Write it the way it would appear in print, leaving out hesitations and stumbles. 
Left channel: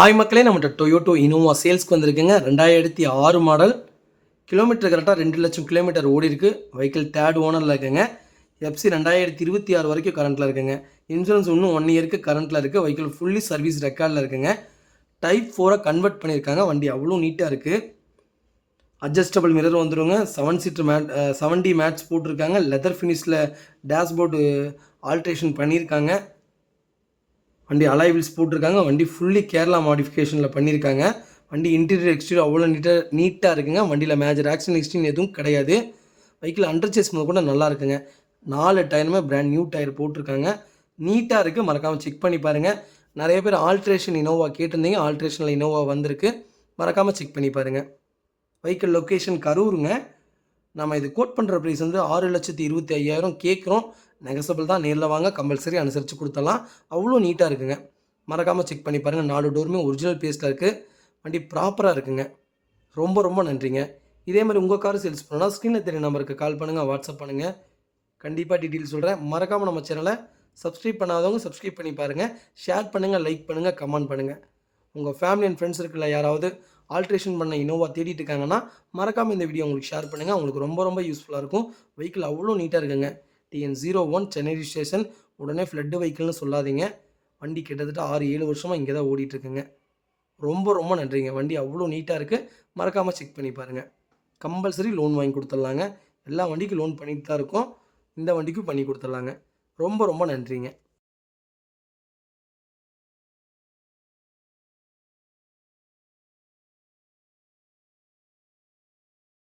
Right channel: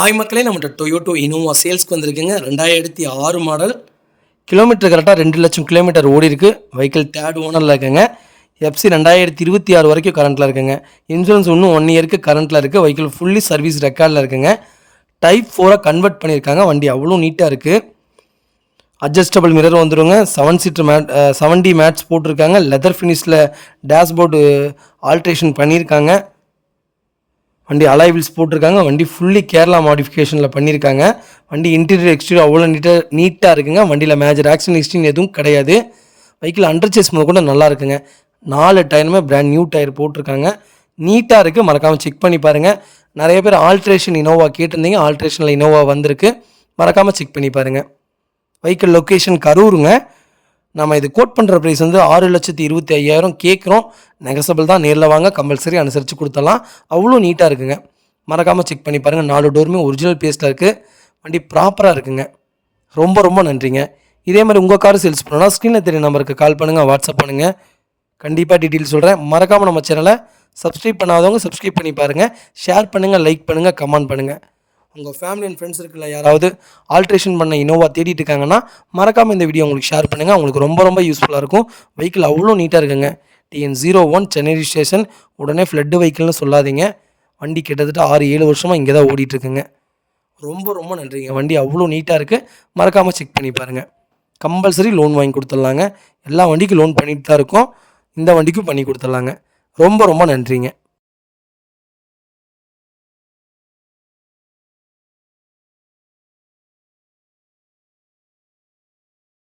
Hi மக்களே, நம்மகிட்ட Toyota Innova சேல்ஸ்க்கு வந்திருக்குங்க. 2006 மாடல். கிலோமீட்டர் கரெக்டாக 2 லட்சம் கிலோமீட்டர் ஓடி இருக்குது. வெஹிக்கிள் தேர்ட் ஓனரில் இருக்குங்க. எஃப்சி 2026 வரைக்கும் கரண்ட்டில் இருக்குங்க. இன்சூரன்ஸ் இன்னும் 1 இயருக்கு கரண்ட்டில் இருக்குது. வெஹிக்கிள் ஃபுல்லி சர்வீஸ் ரெக்கார்டில் இருக்குங்க. டைப் 4 கன்வெர்ட் பண்ணியிருக்காங்க. வண்டி அவ்வளோ நீட்டாக இருக்குது. அட்ஜஸ்டபிள் மிரர் வந்துடுங்க. 7 சீட்டர் மேட் 7D மேட்ஸ் போட்டிருக்காங்க. லெதர் ஃபினிஷில் டேஷ்போர்டு ஆல்ட்ரேஷன் பண்ணியிருக்காங்க. வண்டி அலாய் வீல்ஸ் போட்டிருக்காங்க. வண்டி ஃபுல்லி கேரளா மாடிஃபிகேஷனில் பண்ணியிருக்காங்க. வண்டி இன்டீரியர் எக்ஸ்டீரியர் அவ்வளோ நீட்டாக இருக்குங்க. வண்டியில் மேஜர் ஆக்சிடென்ட் ஹிஸ்ட்ரின்னு எதுவும் கிடையாது. வெஹிக்கிள் அண்டர் சேஸ் முதல் கூட நல்லா இருக்குங்க. 4 டயருமே பிராண்ட் நியூ டயர் போட்டிருக்காங்க. நீட்டாக இருக்குது. மறக்காமல் செக் பண்ணி பாருங்கள். நிறைய பேர் ஆல்ட்ரேஷன் இனோவா கேட்டிருந்தீங்க. ஆல்ட்ரேஷனில் இனோவா வந்திருக்கு. மறக்காமல் செக் பண்ணி பாருங்கள். வெஹிக்கிள் லொக்கேஷன் கரூருங்க. நம்ம இது கோட் பண்ணுற ப்ரைஸ் வந்து 6,25,000 கேட்குறோம். நெகசபிள் தான். நேரில் வாங்க, கம்பல்சரி அனுசரித்து கொடுத்தலாம். அவ்வளோ நீட்டாக இருக்குங்க. மறக்காமல் செக் பண்ணி பாருங்கள். 4 டோருமே ஒரிஜினல் பேஸில் இருக்குது. வண்டி ப்ராப்பராக இருக்குங்க. ரொம்ப ரொம்ப நன்றிங்க. இதே மாதிரி உங்கள் கார் சேல்ஸ் பண்ணணும்னா ஸ்க்ரீனில் தெரிய நம்பருக்கு கால் பண்ணுங்கள், வாட்ஸ்அப் பண்ணுங்கள். கண்டிப்பாக டீட்டெயில் சொல்கிறேன். மறக்காமல் நம்ம சேனலை சப்ஸ்கிரைப் பண்ணாதவங்க சப்ஸ்கிரைப் பண்ணி பாருங்கள். ஷேர் பண்ணுங்கள், லைக் பண்ணுங்கள், கமெண்ட் பண்ணுங்கள். உங்கள் ஃபேமிலி அண்ட் ஃப்ரெண்ட்ஸ் இருக்குல்ல, யாராவது ஆல்ட்ரேஷன் பண்ண இனோவா தேடிட்டு இருக்காங்கன்னா மறக்காமல் இந்த வீடியோ உங்களுக்கு ஷேர் பண்ணுங்கள். உங்களுக்கு ரொம்ப ரொம்ப யூஸ்ஃபுல்லாக இருக்கும். வெஹிக்கிள் அவ்வளோ நீட்டாக இருக்குங்க. TN01 Chennai station. உடனே ஃப்ளட்டு வெஹிக்கிள்னு சொல்லாதீங்க. வண்டி கிட்டத்தட்ட 6-7 வருஷமாக இங்கே தான் ஓடிட்டுருக்குங்க. ரொம்ப ரொம்ப நன்றிங்க. வண்டி அவ்வளோ நீட்டாக இருக்குது. மறக்காமல் செக் பண்ணி பாருங்கள். கம்பல்சரி லோன் வாங்கி கொடுத்துட்லாங்க. எல்லா வண்டிக்கும் லோன் பண்ணிட்டு தான் இருக்கோம். இந்த வண்டிக்கும் பண்ணி கொடுத்துட்லாங்க. ரொம்ப ரொம்ப நன்றிங்க.